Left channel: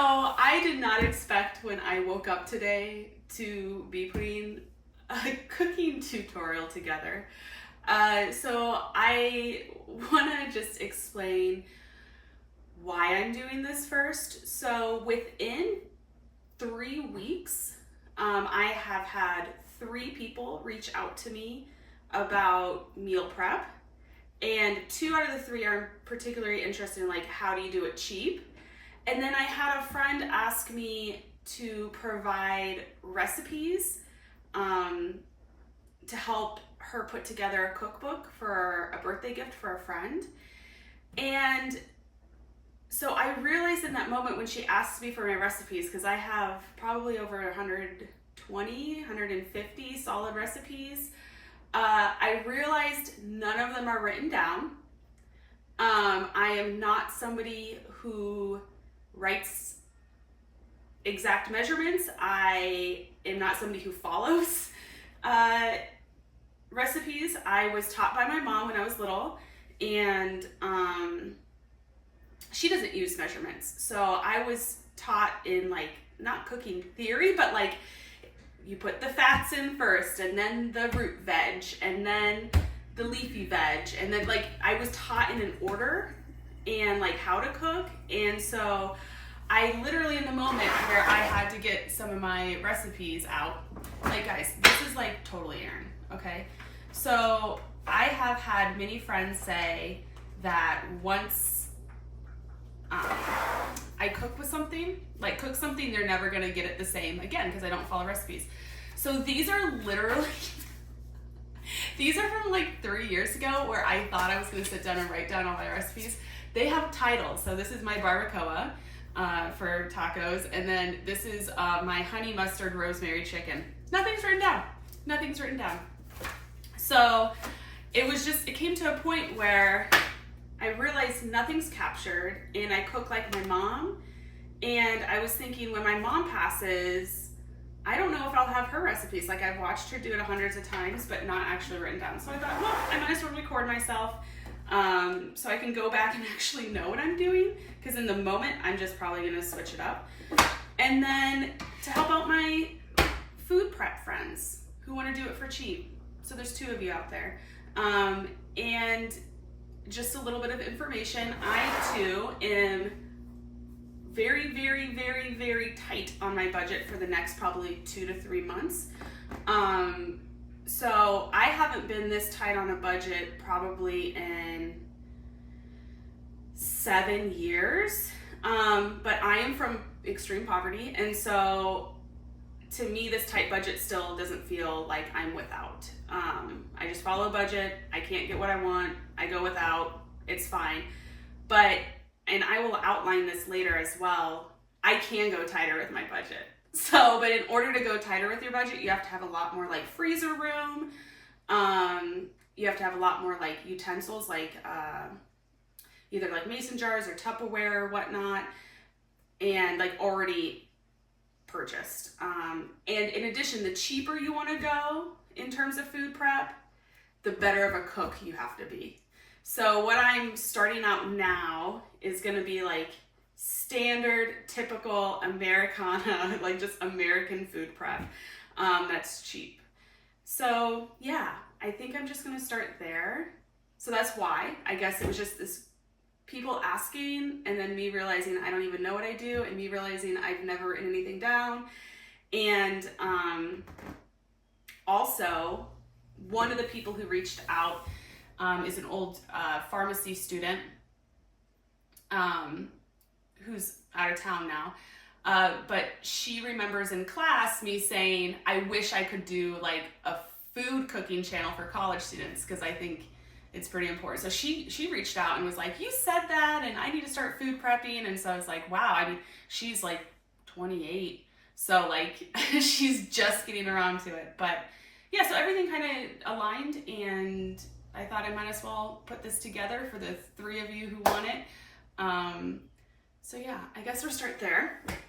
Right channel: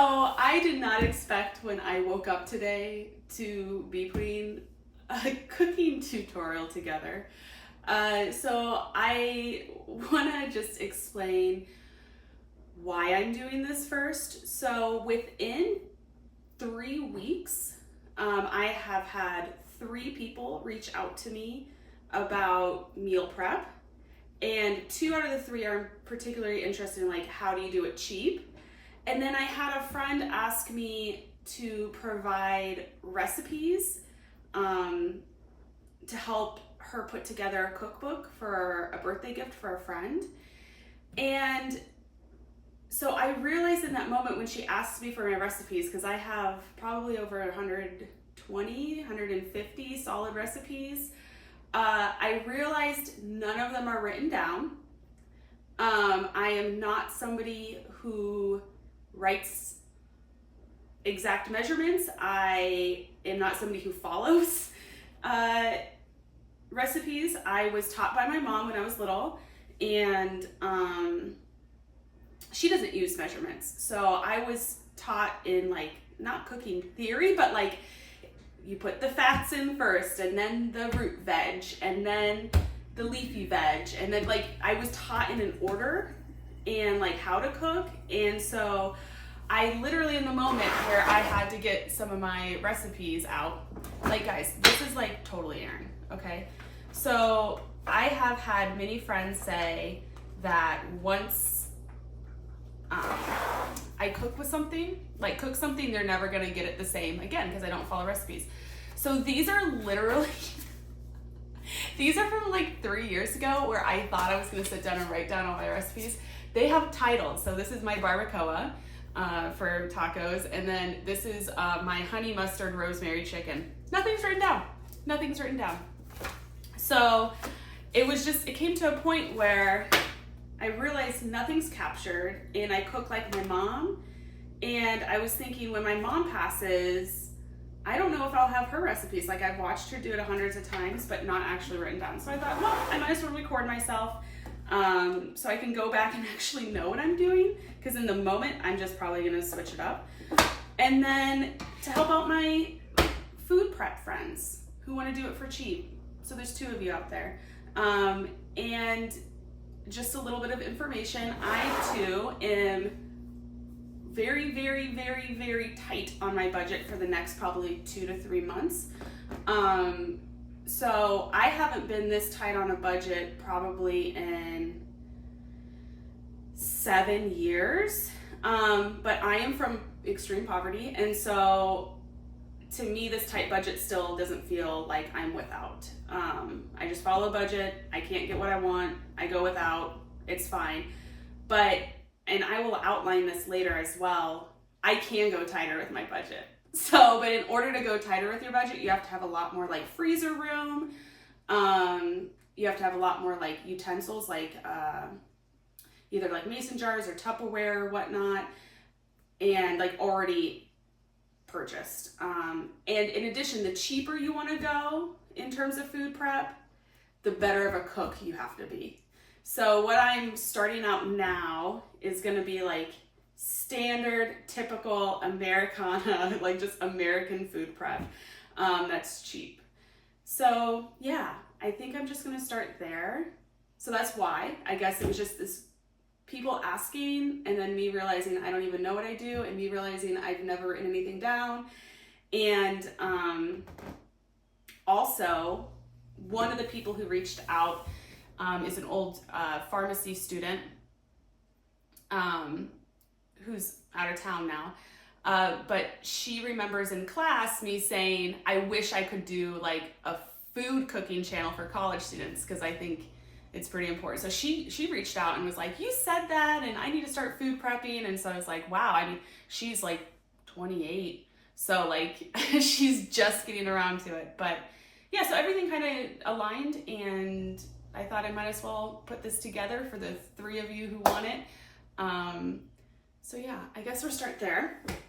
I did not expect when I woke up today to be putting a cooking tutorial together. So I want to just explain why I'm doing this first. So within 3 weeks, I have had 3 people reach out to me about meal prep, and 2 out of the 3 are particularly interested in like, how do you do it cheap? And then I had a friend ask me to provide recipes to help her put together a cookbook for a birthday gift for a friend. And so I realized in that moment when she asked me for my recipes, because I have probably over 120, 150 solid recipes, I realized none of them are written down. I am not somebody who writes exact measurements. I am not somebody who follows recipes. I was taught by my mom when I was little, and she doesn't use measurements. So I was taught in like, not cooking theory, but like you put the fats in first, and then the root veg, and then the leafy veg, and then like I was taught in an order and like how to cook. And so I literally, in the moment where I had to get some of my recipes out, like guys, this is like totally Erin, okay? So I have had many friends say that once I cook with something, like cook something, they're never gonna get it the same again because I don't follow recipes. So these are literally, these are from like 3 years ago where I thought I was gonna sit down and write down all my recipes. They have titles. So this is my barbacoa for tacos, and then this is my honey mustard rosemary chicken. Nothing's written down. Nothing's written down. So it came to a point where I realized nothing's captured, and I cook like my mom. And I was thinking, when my mom passes, I don't know if I'll have her recipes. Like, I've watched her do it hundreds of times, but not actually written down. So I thought, well, I might as well record myself so I can go back and actually know what I'm doing. Because in the moment, I'm just probably gonna switch it up. And then to help out my food prep friends who wanna do it for cheap. So there's 2 of you out there. And just a little bit of information. I too am very, very, very, very tight on my budget for the next probably 2 to 3 months. So I haven't been this tight on a budget probably in 7 years. But I am from extreme poverty, and so to me, this tight budget still doesn't feel like I'm without. I just follow a budget. I can't get what I want. I go without. It's fine. But, and I will outline this later as well, I can go tighter with my budget. So, but in order to go tighter with your budget, you have to have a lot more like freezer room. You have to have a lot more like utensils, like either like mason jars or Tupperware or whatnot, and like already purchased. And in addition, the cheaper you want to go in terms of food prep, the better of a cook you have to be. So what I'm starting out now is going to be like standard, typical Americana, like just American food prep that's cheap. So yeah, I think I'm just going to start there. So that's why, I guess it was just this people asking, and then me realizing I don't even know what I do, and me realizing I've never written anything down. And also, one of the people who reached out is an old pharmacy student who's out of town now. But she remembers in class me saying, I wish I could do like a food cooking channel for college students, because I think it's pretty important. So she reached out and was like, you said that, and I need to start food prepping. And so I was like, wow, I mean, she's like 28. So like, she's just getting around to it. But yeah, so everything kind of aligned, and I thought I might as well put this together for the 3 of you who want it. So yeah, I guess we'll start there.